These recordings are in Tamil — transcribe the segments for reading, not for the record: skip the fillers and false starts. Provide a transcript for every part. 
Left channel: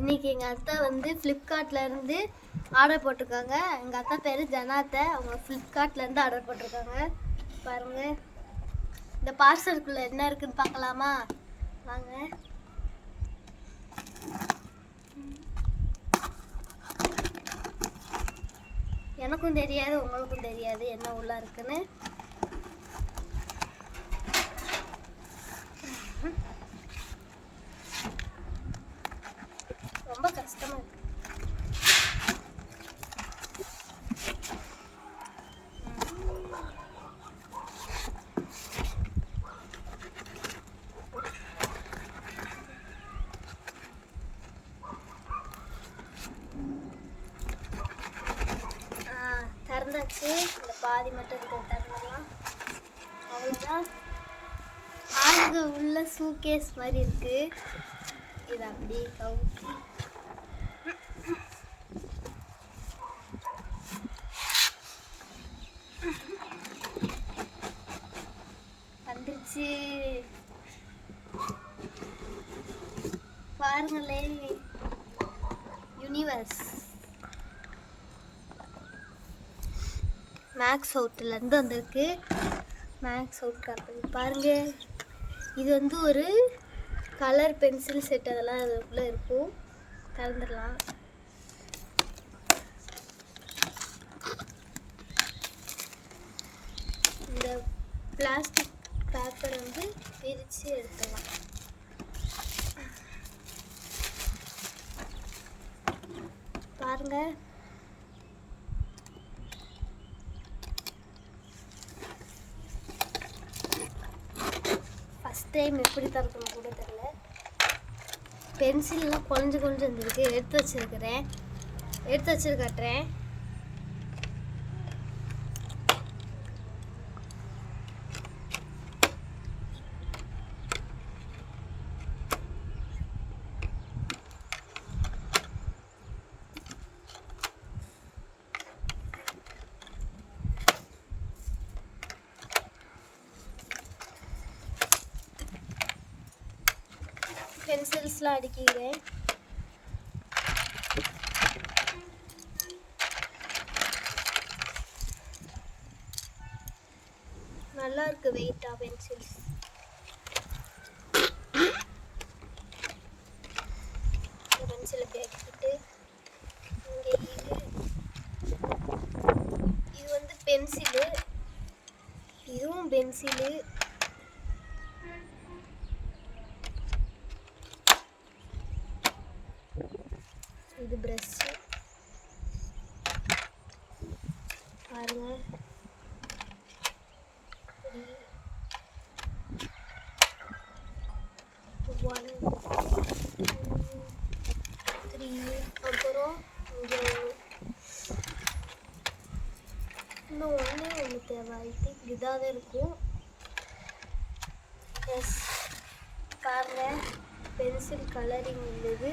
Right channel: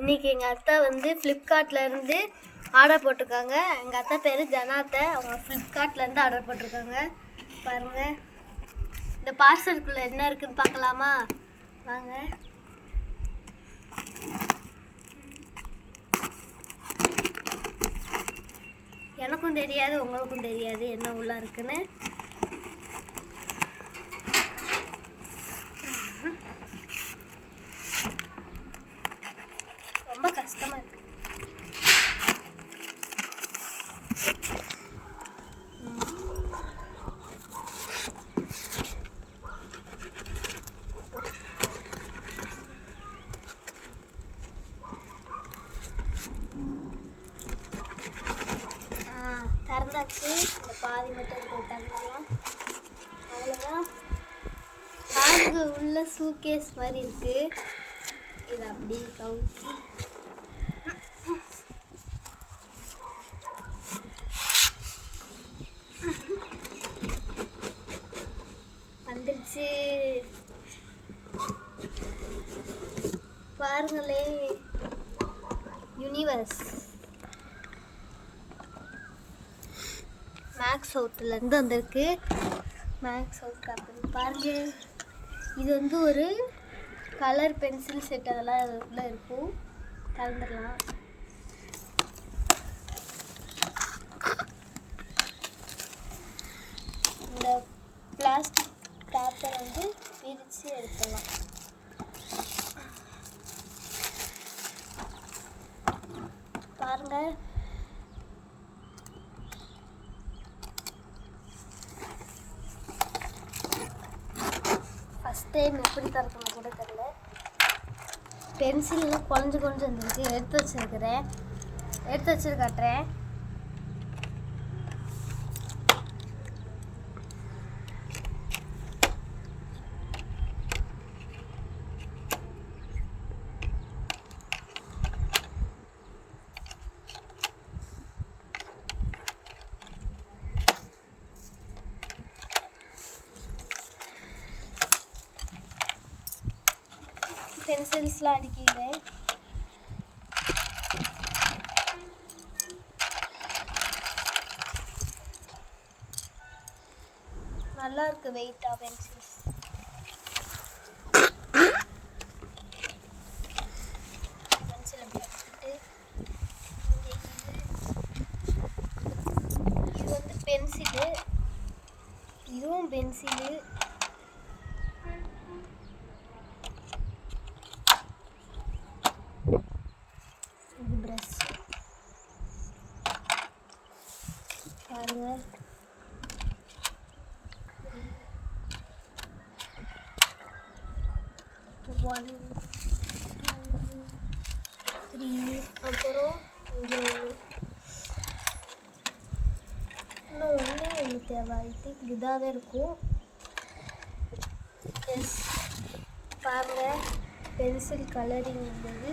இன்றைக்கி எங்கள் அத்தா வந்து ஃப்ளிப்கார்ட்லேருந்து ஆர்டர் போட்டிருக்காங்க. எங்கள் அத்தா பேர் ஜனாத்தை. அவங்க ஃப்ளிப்கார்ட்லேருந்து ஆர்டர் போட்டிருக்காங்க. பாருங்கள், இந்த பார்சலுக்குள்ளே என்ன இருக்குதுன்னு பார்க்கலாமா? வாங்க. எனக்கும் தெரியாது, உங்களுக்கும் தெரியாது என்ன உள்ள இருக்குன்னு. ரொம்ப கஷ்டமா இருக்கு. திறந்தாச்சு. இந்த பாதி மட்டும் திறந்துடலாம். அவ்வளோதான். அது உள்ள சூட்கேஸ் மாதிரி இருக்கு. இது அப்படியே கவுத்தி வந்துருச்சு. பாருங்களே, யூனிவர்ஸ் மேக்ஸ் அவுட்லேருந்து வந்திருக்கு. மேக்ஸ் அவுட் கம்பெனி பாருங்க. இது வந்து ஒரு கலர் பென்சில் செட், அதெல்லாம் அது உள்ளே இருக்கும். கலந்துடலாம். இந்த பிளாஸ்டிக் பேப்பரை வந்து பிரித்து எடுத்துடலாம். பாருங்கள், ஃபஸ்ட் டைம் எப்படி திறக்கணும் கூட தெரியல. பென்சில்லாம் கொஞ்சம் வந்துருக்கு. எடுத்து வச்சு காட்டுறேன். பென்சில்ஸ்லாம் அடிக்கிறேன். நல்லா இருக்கு வெயிட்டா பென்சில்ஸ். பென்சிலை எடுத்துட்டு இது வந்து பென்சிலு, இதுவும் பென்சிலு. இது பிரஷ் பாருங்க. 1 2 3. அப்புறம் இங்கே இன்னும் ஒன்று தேவை. இதாக தான் இருக்கும். எஸ், பாருங்க, பென்சில் கலரிங் உள்ளது.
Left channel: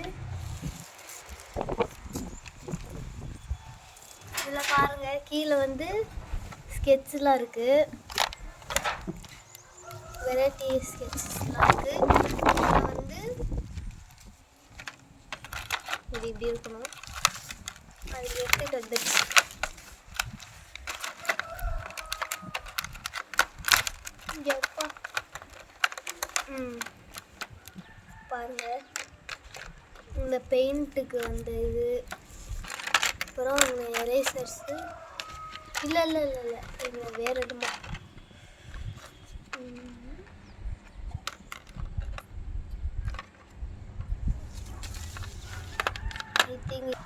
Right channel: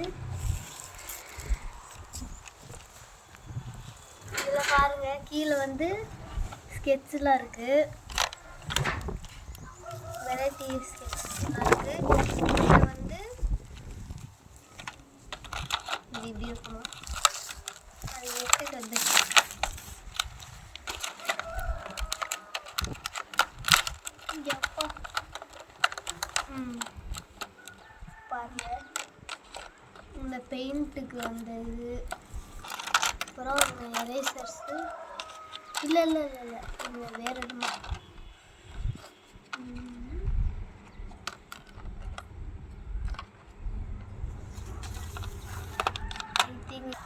இதில் பாருங்கள், கீழே வந்து ஸ்கெட்செலாம் இருக்குது. வெரைட்டி ஸ்கெட்சஸ்லாம் இருக்குது. இதில் வந்து இது இப்படி இருக்கணும். அது எடுத்துட்டு வந்துடுச்சு. எப்பா பாருங்கள், இந்த பெயிண்ட்டுக்கு வந்து இது, அப்புறம் இந்த எரேசர்ஸு. இல்லை இது வேறு எதுவுமே. ஐ திங்க்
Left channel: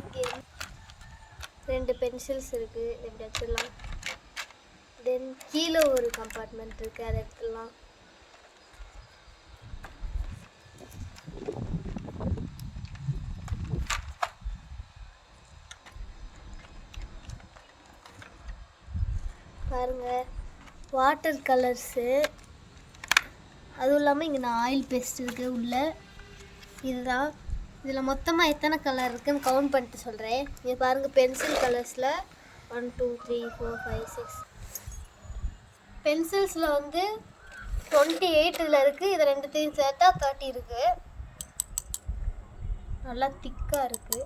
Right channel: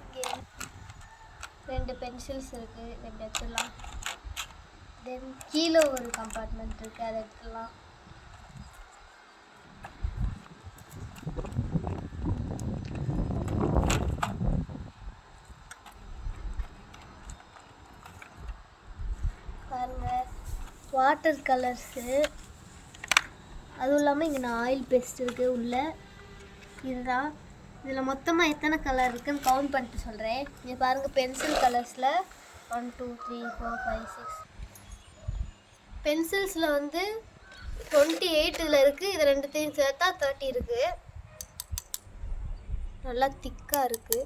இங்கே 2 பென்சில்ஸ் இருக்குது. 2 எடுத்துடலாம். தென் கீழே ஒரு கம்பார்ட்மெண்ட் இருக்குது, அதை எடுத்துடலாம். பாருங்கள், வாட்டர் கலர்ஸு. அதுவும் இல்லாமல் இங்கே நான் ஆயில் பேஸ்ட் இருக்குது உள்ள. இதுதான். இதில் மொத்தமாக எத்தனை கலர் இருக்குதுன்னு கவுண்ட் பண்ணிட்டு சொல்கிறேன். இங்கே பாருங்கள், பென்சில் கலர்ஸில் 1 2 3 4 5 6. பென்சில்ஸில் வந்து 28 இதில் இருக்குது. இது ரெண்டுத்தையும் சேர்த்தா 30 இருக்குது. நல்லா திக்காக இருக்குது.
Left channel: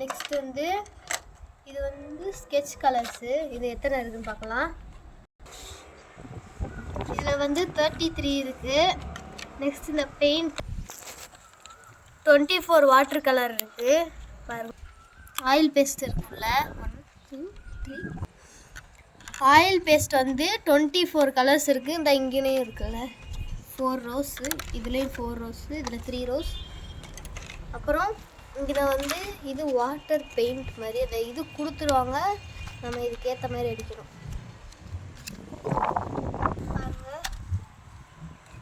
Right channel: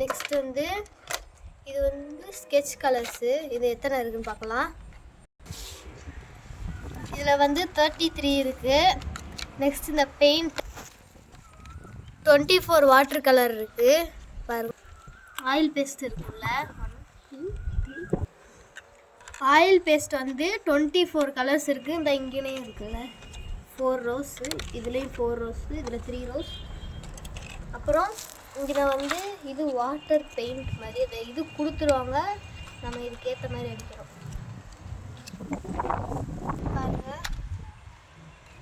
நெக்ஸ்ட் வந்து இது வந்து ஸ்கெட்ச் கலர்ஸு. இது எத்தனை இருக்குதுன்னு பார்க்கலாம். இதில் வந்து 33 இருக்குது. நெக்ஸ்ட் இந்த பெயிண்ட் 24 வாட்டர் கலர் இருக்குது. பாருங்க, ஆயில் பேஸ்ட் இருக்குல்ல, 1 2 3 ஆயில் பேஸ்ட் வந்து 24 கலர்ஸ் இருக்குது. இந்த இங்கேயும் இருக்குல்ல 4 ரோஸு, இதுலேயும் 4 ரோஸு, இதில் 3 ரோஸ். அப்புறம் இதில் வந்து இது வாட்டர் பெயிண்ட் மாதிரி அதை இது கொடுத்துருவாங்க. நம்ம இதுக்கேற்ற மாதிரி அடிக்கணும். பாருங்க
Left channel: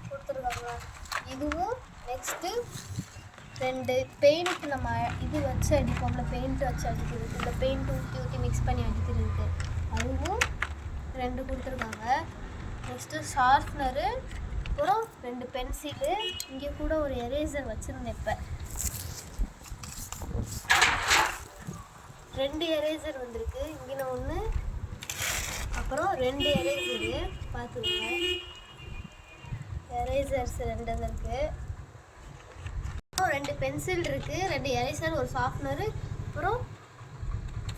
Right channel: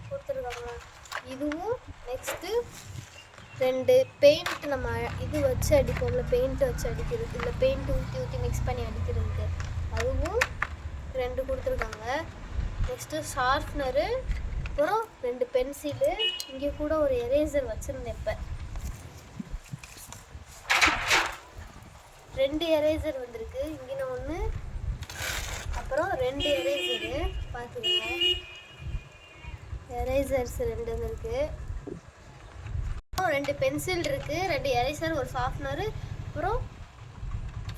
கொடுத்துருக்காங்க. இதுவும் நெக்ஸ்ட்டு 2 பெயிண்ட் நம்ம இது வச்சு அடிப்போம்ல, பெயிண்ட் வச்சு அடிக்கிறது, இல்லை பெயிண்ட் ஊற்றி ஊற்றி மிக்ஸ் பண்ணி அடிக்கிறதுக்கு, அதுவும் 2 கொடுத்துருக்காங்க. நெக்ஸ்ட்டு ஷார்ப்னரு, அப்புறம் 2 பென்சிலு, இங்கே கூட ஒரு எரேசர் வச்சுருந்தேன். இப்போ 2 எரேசர் வந்திருக்கு. இங்கே ஒன்று, அப்புறம் 2 எரேசரு பார்த்துக்கோங்க. எரேசர்ஸ் 2 வந்திருக்கு. அப்புறம் 2 பென்சில் இருக்குது, 2 எரேசர், ஒரு ஷார்ப்னரு, அப்புறம்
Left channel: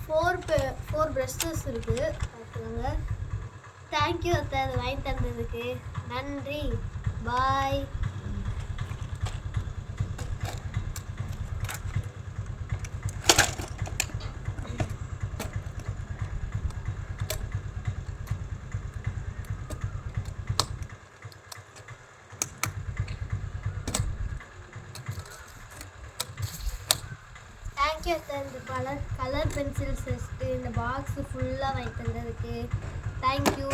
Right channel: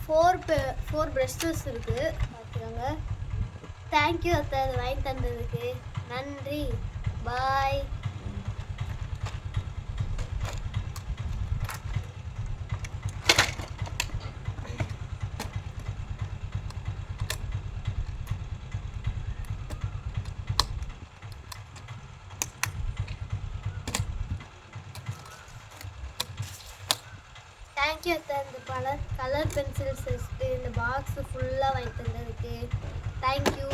4 ப்ரஷஸ் இருக்குது. பார்த்துக்கோங்க. தேங்க்யூ அத்தை, அதை வாங்கி தந்ததுக்கு நன்றி. பாய். தேங்க்யூ அத்தை, இந்த கலர் பென்சில்ஸ் வச்சுட்டு இந்த பாக்ஸு ஃபுல்லாக வாங்கி தந்ததுக்கு தேங்க்யூ.